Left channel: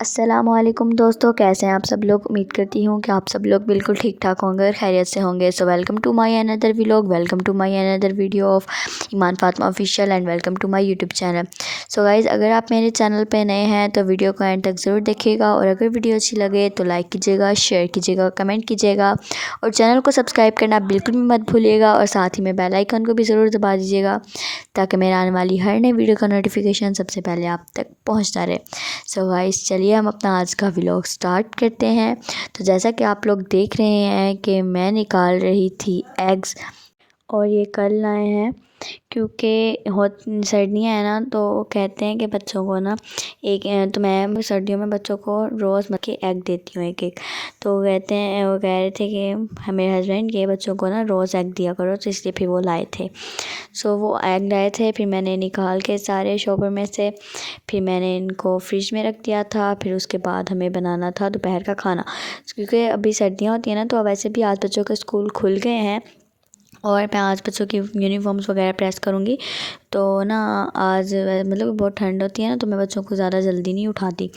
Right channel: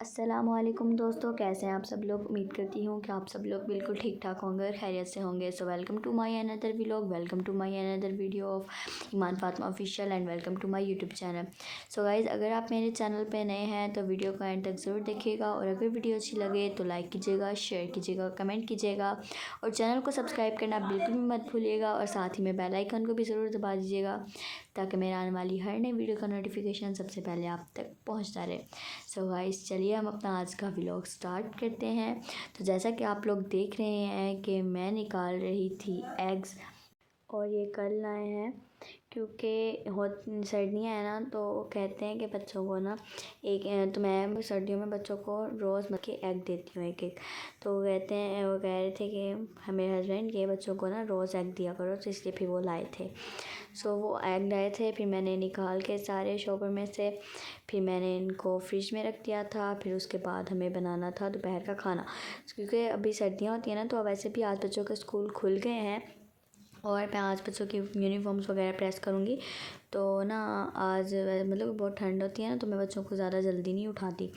अस्सलामुअलैकुम दोस्तों, कैसे हैं आप सब लोग। उम्मीद करती हूँ कि आप सब लोग बिल्कुल ठीक ठाक होंगे और खैरियत से होंगे। So welcome to my another vlog, welcome to my another video of Iman Fatima official and welcome to my YouTube channel. So guys, अगर आप मेरे चैनल पे नए हैं तो वीडियो को एंड तक ज़रूर देखिएगा और अगर वीडियो अच्छी लगे तो लाइक कीजिएगा, शेयर कीजिएगा, कमेंट कीजिएगा और चैनल को सब्सक्राइब करना बिल्कुल भी मत भूलिएगा और साथ ही में बेल आइकन को भी ज़रूर दबा दीजिएगा ताकि मेरे आने वाली हर नई वीडियो का नोटिफिकेशन सबसे पहले आप तक पहुंचता रहे। सो गाइस, चलिए हम अपना आज का व्लॉग स्टार्ट करते हैं। तो जैसा कि आप लोग देख रहे हैं कि मैं निकाल रही थी एग्स और ये कल लाए हैं क्योंकि बहुत सर्दियाँ हैं ना, तो कहते हैं कि बच्चों को ना तो मैं सर्दियों में बच्चों को रोज़ मतलब के एग देती हूँ एक एक। तो कहते हैं, वो कह रहे थे कि मेरे हस्बैंड के बच्चों को ना रोज़ एग दिया करो, तो इसलिए फिर वो लाए थे। सो वो एग लाए थे, फिर मैंने निकाल के सारे शॉपर में से फिर मैंने इनको फ्रिज में रख दिया था। फिर उसके बाद हमें बनाना था दोपहर का खाना, क्योंकि अभी सर्दियाँ होती हैं ना, तो वैसे भी आज बच्चों के स्कूल खुल गए हैं और मैं आज बच्चों की यूनिफॉर्म्स वगैरह प्रेस करूँगी। तो ना आज मतलब बहुत ठंड होती है ना, तो मैं बच्चों को ज़्यादा जल्दी नहीं उठाती।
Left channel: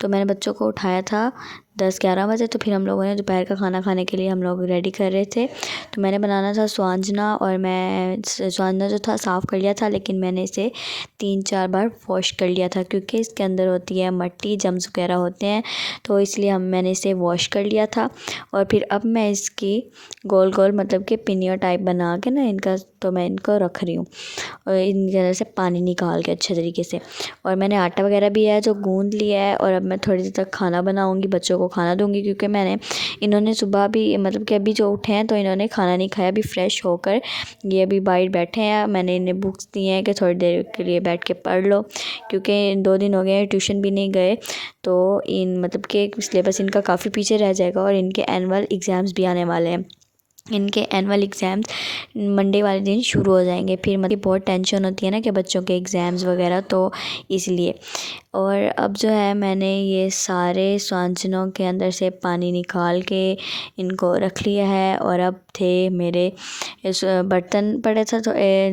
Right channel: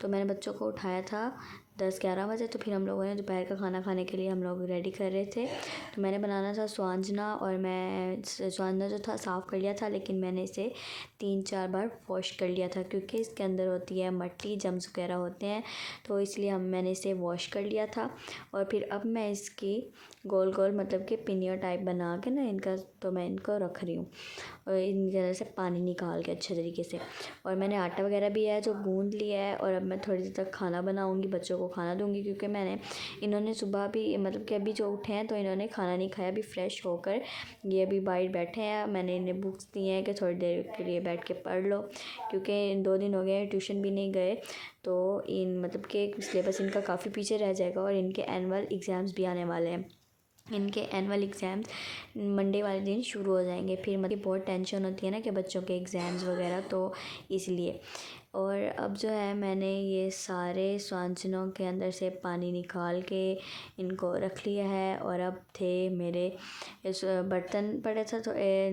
तो मैंने बच्चों को उठाया था 10-11 बजे। तो फिर हम लोगों ने दोपहर का खाना खाने के लिए हम लोग रेडी कर रहे थे। तो मैंने बनाना था स्वांजना और मैं स्वांजना जो था साफ़ कर लिया था, लेकिन मैंने इसे 3-4 बार वॉश कर लिया था क्योंकि इसके अंदर होती है मट्टी, जम्स वगैरह होते हैं, तो इसलिए मैंने इसे वॉश कर लिया था। और फिर अब मैं इसकी गोल गोल मतलब कि पिनिया टाइप बना के ना इनका, तो मैं इनको रख रही हूँ और इनके अंदर से पानी निकाल के अच्छे तरीके से। और मैंने आटा वगैरह भी है जो गूंद लिया है और अब मैं थोड़ी देर तक खाना बनाऊँगी, बच्चों को खाना दूँगी क्योंकि इन्होंने सुबह भी मतलब कि अभी जो उठे हैं तो इन्होंने खाना नहीं खाया। अभी फ्रेश होकर ये अभी बाहर बैठे हैं। मैंने इन्हें बुक्स दी हैं कि थोड़ी देर के लिए बैठ के पढ़ लो, क्योंकि 2 दिन हो गए हैं ट्यूशन भी नहीं गए, तो इन मतलब कि सिलेबस इनका काफ़ी पीछे रह जाएगा और इनके एनुअल एग्ज़ाम्स भी आने वाले हैं। इनके एनुअल एग्ज़ाम्स मंडे वाले दिन शुरू हो जाएंगे। फिर मतलब बहुत टेंशन होती है ना कि बच्चों के एग्ज़ाम्स वगैरह, तो इसलिए। और अब जो है मैंने ये सारे स्वांजनों के अंदर से पानी निकाल के इनको रख लिया है। और अब थे मेरे इस बर्तन पड़े था, तो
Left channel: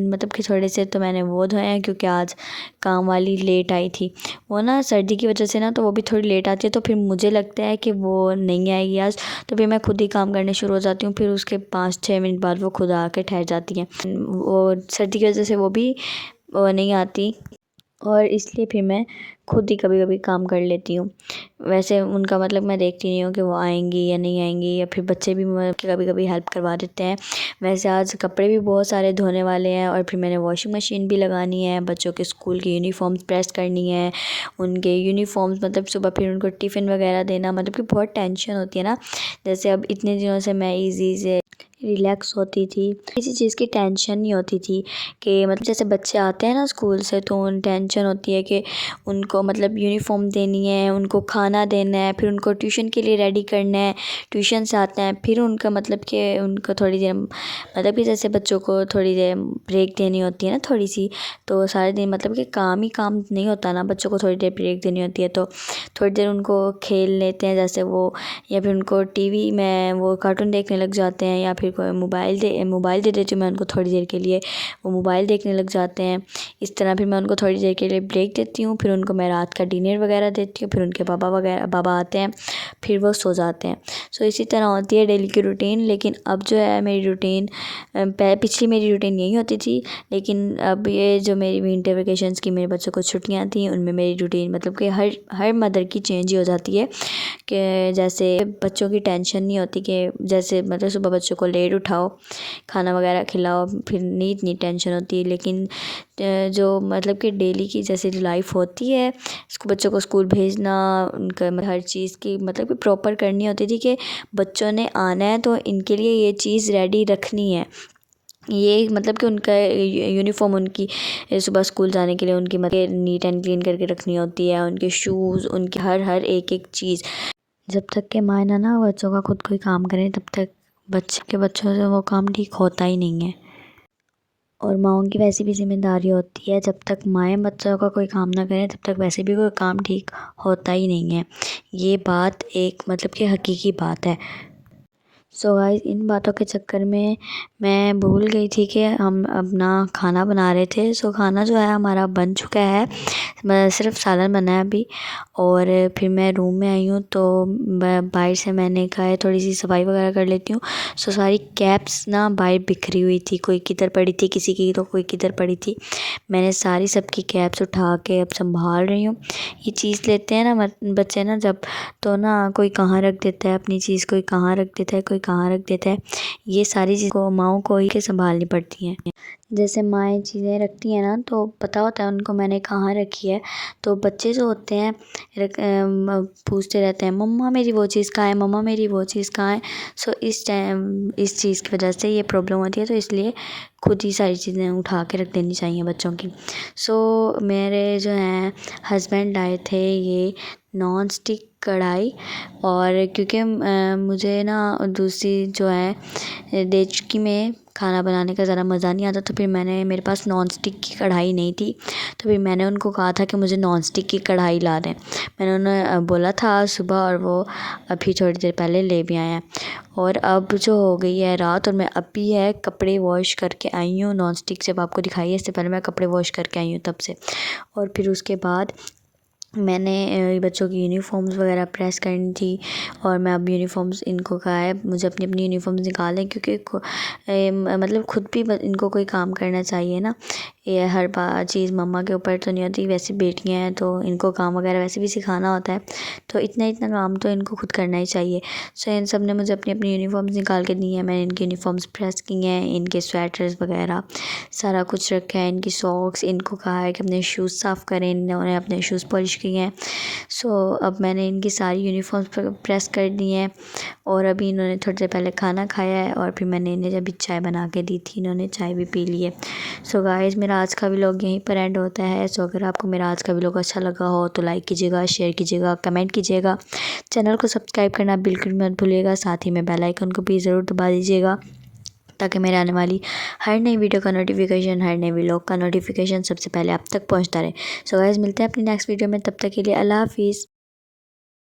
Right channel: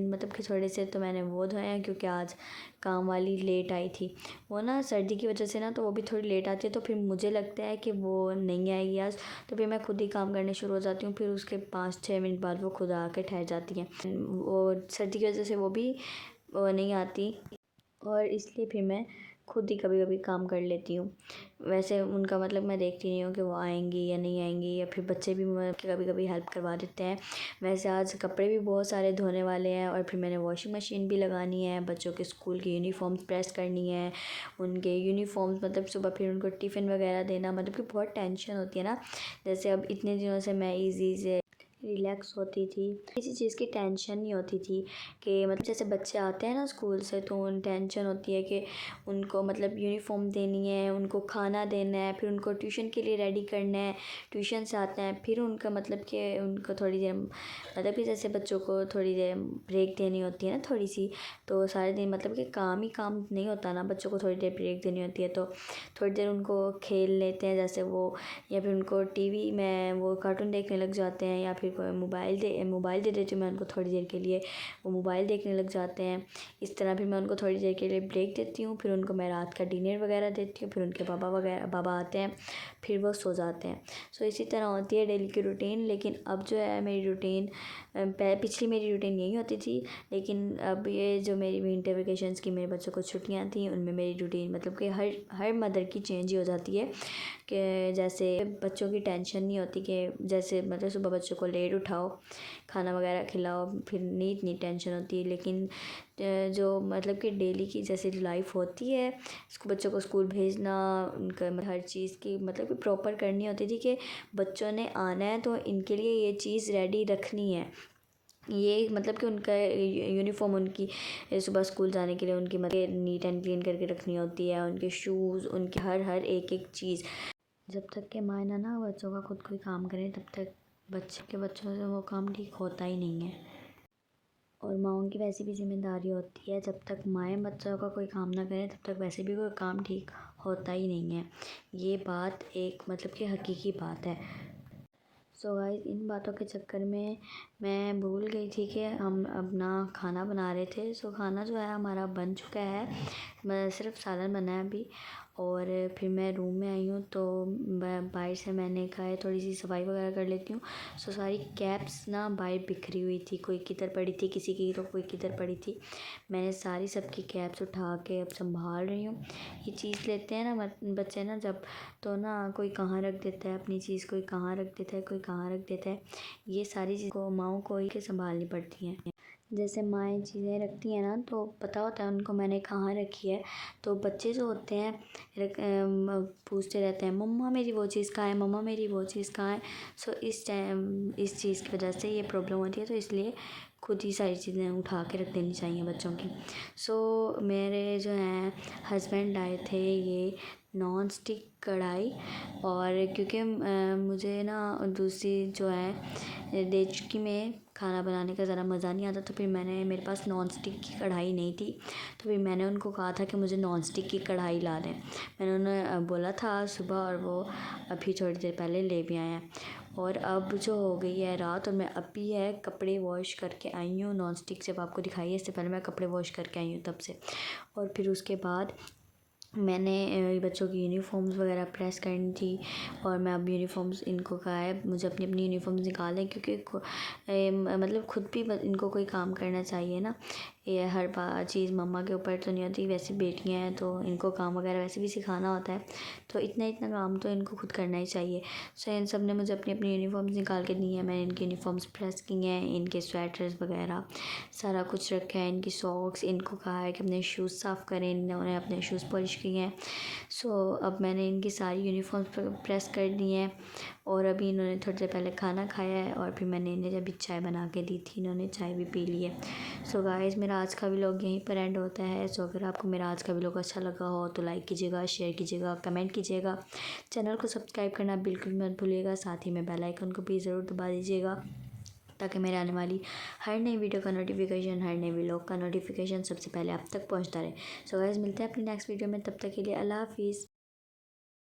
मतलब कि थोड़े से तो मैंने वो धोए हैं क्योंकि आज काम वाली लेट आई थी। वो ना सर्दी की वजह से ना, तो वो भी थोड़ी लेट आती है, तो फिर मुझे लगता है कि वो नहीं आएगी आज, तो फिर मैं खुद ही काम करने शुरू हो जाती हूँ। फिर उसके 5-6 मिनट बाद वो खुद आके ठहर जाती हैं। वो सर्दी की वजह से वो भी नहीं आती और इसलिए फिर मैं खुद ही कभी कभी काम कर लेती हूँ। वैसे उनका मतलब मैं देखती नहीं हूँ कि वो आएंगी या नहीं आएंगी, या फिर बच्चे भी कभी कभी हेल्प करवा देते हैं। वैसे आज कपड़े भी बहुत सारे धोने वाले हैं और फिर मैंने वॉशिंग मशीन भी लगानी है, बच्चों के स्कूल की यूनिफॉर्म्स प्रेस करनी है, उनके यूनिफॉर्म्स मतलब सुबह फिर उनको टिफ़िन वगैरह देना, मतलब कि बहुत टेंशन होती है ना। जैसे अब इतने दिनों से मैं ईज़ी से रिलैक्स होती थी, किसी चीज़ की टेंशन नहीं होती थी कि मतलब जैसे बच्चे आते हैं ना स्कूल से, तो उन टेंशन होती है कि उनको मतलब यूनिफॉर्म देनी है, उनको खाना देना है, फिर उनको ट्यूशन के लिए रेडी करना है, ट्यूशन से आते हैं फिर उनका मतलब कि उनको थोड़ी देर मतलब कि जैसे बच्चों को थोड़ी देर ब्रेक देनी होती है ना थोड़ी सी, तो सारे दिन मतलब कि काम ही काम नहीं होता ना, बच्चों को थोड़ी देर ब्रेक देनी होती है। तो थोड़ी देर उनको खेल लेते हैं जैसे वो, या फिर उनको टीवी में वो कार्टून देखने लग जाते हैं, या फिर कोई मोबाइल दे देती हूँ मैं उनको थोड़ी देर के लिए, वो मोबाइल देखने लग जाते हैं। इस तरह फिर मैं उनको थोड़ी देर के लिए ब्रेक देती हूँ, फिर उनको मैं रात का डिनर वगैरह देती हूँ, फिर उनके बाबा आते हैं, फिर वो सो जाते हैं। सो इसी तरह होती है डेली की रूटीन। लेकिन अब जो है मेरी रूटीन, पिछली मेरी रूटीन यही होती थी, लेकिन अब ये जो मेरी विंटर वेकेशंस की मेरे बच्चों को छुट्टियाँ थी, उनमें मेरी रूटीन मतलब कि हर मदर की चेंज ही हो जाती है कि जैसे बच्चों की टेंशन नहीं होती कि जैसे मतलब सुबह बच्चों को लेट उठाओ, खाना वगैरह खिलाओ, फिर नहीं इतनी टेंशन होती है। लेकिन जो मतलब कि डेली की जैसे लाइफ होती है, बच्चों को स्कूल भेजना, उनका हर चीज़ की मतलब कि प्रॉपर करनी होती थी कि बच्चों ने आना है तो इनके लिए ये चीज़ रेडी रखनी है। ये मतलब कि उनका यूनिफॉर्म उनकी सुबह स्कूल जाने के लिए उनकी मतलब नीट एंड क्लीन करके रखनी होती है, उनके शूज़, उनकी हर एक एक चीज़। जब तक के माँ ना बच्चों का खुद कोई काम करें, तब तक बच्चों से वो काम ठीक होता ही नहीं है। और माँओं की वैसी भी ज़िम्मेदारी होती है, जब तक माएँ बच्चों का कोई काम ना करें तब तक वैसे भी कोई काम ठीक होता ही नहीं है। ये बात एक मतलब कि हकीकी बात है। सो गाइस, इन बातों के चक्कर में मैं भूल गई थी कि हम अपना खाना बना रहे थे। सो खाना जो है हमारा बन चुका है, सिर्फ सालन बना है अभी। और फिर मैं रूम में आई हूँ तो बाहर से मैंने कहा है थोड़ी सी सफाई वगैरह कर लेती हूँ। सो सारी कैप्स ना बाहर बिखरी हुई थी, कोई किधर पड़ी थी किसी की तो कोई किधर पड़ी थी। मैंने सारी सबकी कैप्स उठा के अब संभाल रही हूँ। ये चीज़ लेते हैं ना बच्चे ना जब, तो ना कोई कहाँ रख देता है अपनी चीज़, कोई कहाँ रख देता है, कोई कहाँ रख देता है। ये सारी चीज़ को माओं को ही के संभालनी पड़ती हैं। जैसे माएँ चीज़ें रखती हैं ना तो पता होता है उनको मैंने कहाँ रखी है। तो बच्चे जो होते हैं पूछते रहते हैं मम्मा मेरी वो चीज़ कहाँ है, मम्मा मेरी वो चीज़ कहाँ है। सो इस टाइम इस चीज़ की वजह से ये प्रॉब्लम होती है, तो इसलिए खुद ही सारी चीज़ें उठा के रख देनी चाहिए बच्चों की। सो मेरे जो हैं हस्बैंड लाए थे ये नॉन स्टिक कढ़ाई, और क्योंकि मुझे ना दूसरी जो है देचकी में खाना बनाने का ज़रा मज़ा नहीं आता, तो फिर मेरे पास नॉन स्टिक की कढ़ाई नहीं थी। तो फिर मैंने उनको कहा था कि मुझे नॉन स्टिक की कढ़ाई ला दें। मैंने उन्हें बोला था सुबह, और वो अभी थोड़ी देर पहले ले भी आए हैं। और अब जो हो गई है रात, और मैं अभी है कपड़े वॉश करके आई हूँ। नॉन स्टिक जब आपको दिखाई है इससे पहले मैं कपड़े वॉश करके आई हूँ तब से। और फिर उसके बाद मैंने बच्चों की यूनिफ़ॉर्म्स वगैरह प्रेस करनी थी, और मैं अब यूनिफ़ॉर्म्स इनको कहा है मुझे अपनी अपनी यूनिफ़ॉर्म्स निकालें, क्योंकि मतलब खुद भी इनको कोई काम करना चाहिए ना। ये हर चीज़ मम्मा के ऊपर तो नहीं होती, वैसे बेटियां हैं तो इनको काम वगैरह वैसे भी सिखाना होता है, तो इतना इतना काम तो इनको खुद करना ही चाहिए। सो इन सब ने मुझे अपनी अपनी यूनिफ़ॉर्म्स निकाल के दी हैं। मैंने इनकी यूनिफ़ॉर्म्स प्रेस की हैं, इनके स्वेटर्स वगैरह सारा कुछ रखा है, इनकी सॉक्स। इनको कहा है कि अपने शूज़ साफ़ करें, इन्होंने अपने शूज़ पॉलिश किए हैं। सो अब मैंने इनकी सारी यूनिफ़ॉर्म्स प्रेस कर दी हैं, और अभी इन्होंने थोड़ी देर पहले खाना खाया है, और फिर मैंने इन्हें जब चाय बना के दी थी इन्होंने चाय भी पी ली है। सो गाइस मेरा आज का व्लॉग यहीं पर एंड होता है। सो अगर आपको मेरा आज का व्लॉग अच्छा लगा हो तो लाइक कीजिएगा, शेयर कीजिएगा, कमेंट कीजिएगा, चैनल को सब्सक्राइब करना बिल्कुल मत भूलिएगा, साथ ही में बेल आइकन को भी ज़रूर दबा दीजिएगा, ताकि मेरे आने वाली हर नई वीडियो का नोटिफिकेशन, हर नए व्लॉग का नोटिफिकेशन सबसे पहले आप तक पहुंचता रहे। सो गाइस मिलते हैं अपनी नेक्स्ट वीडियो में, तब तक के लिए अल्लाह हाफिज़।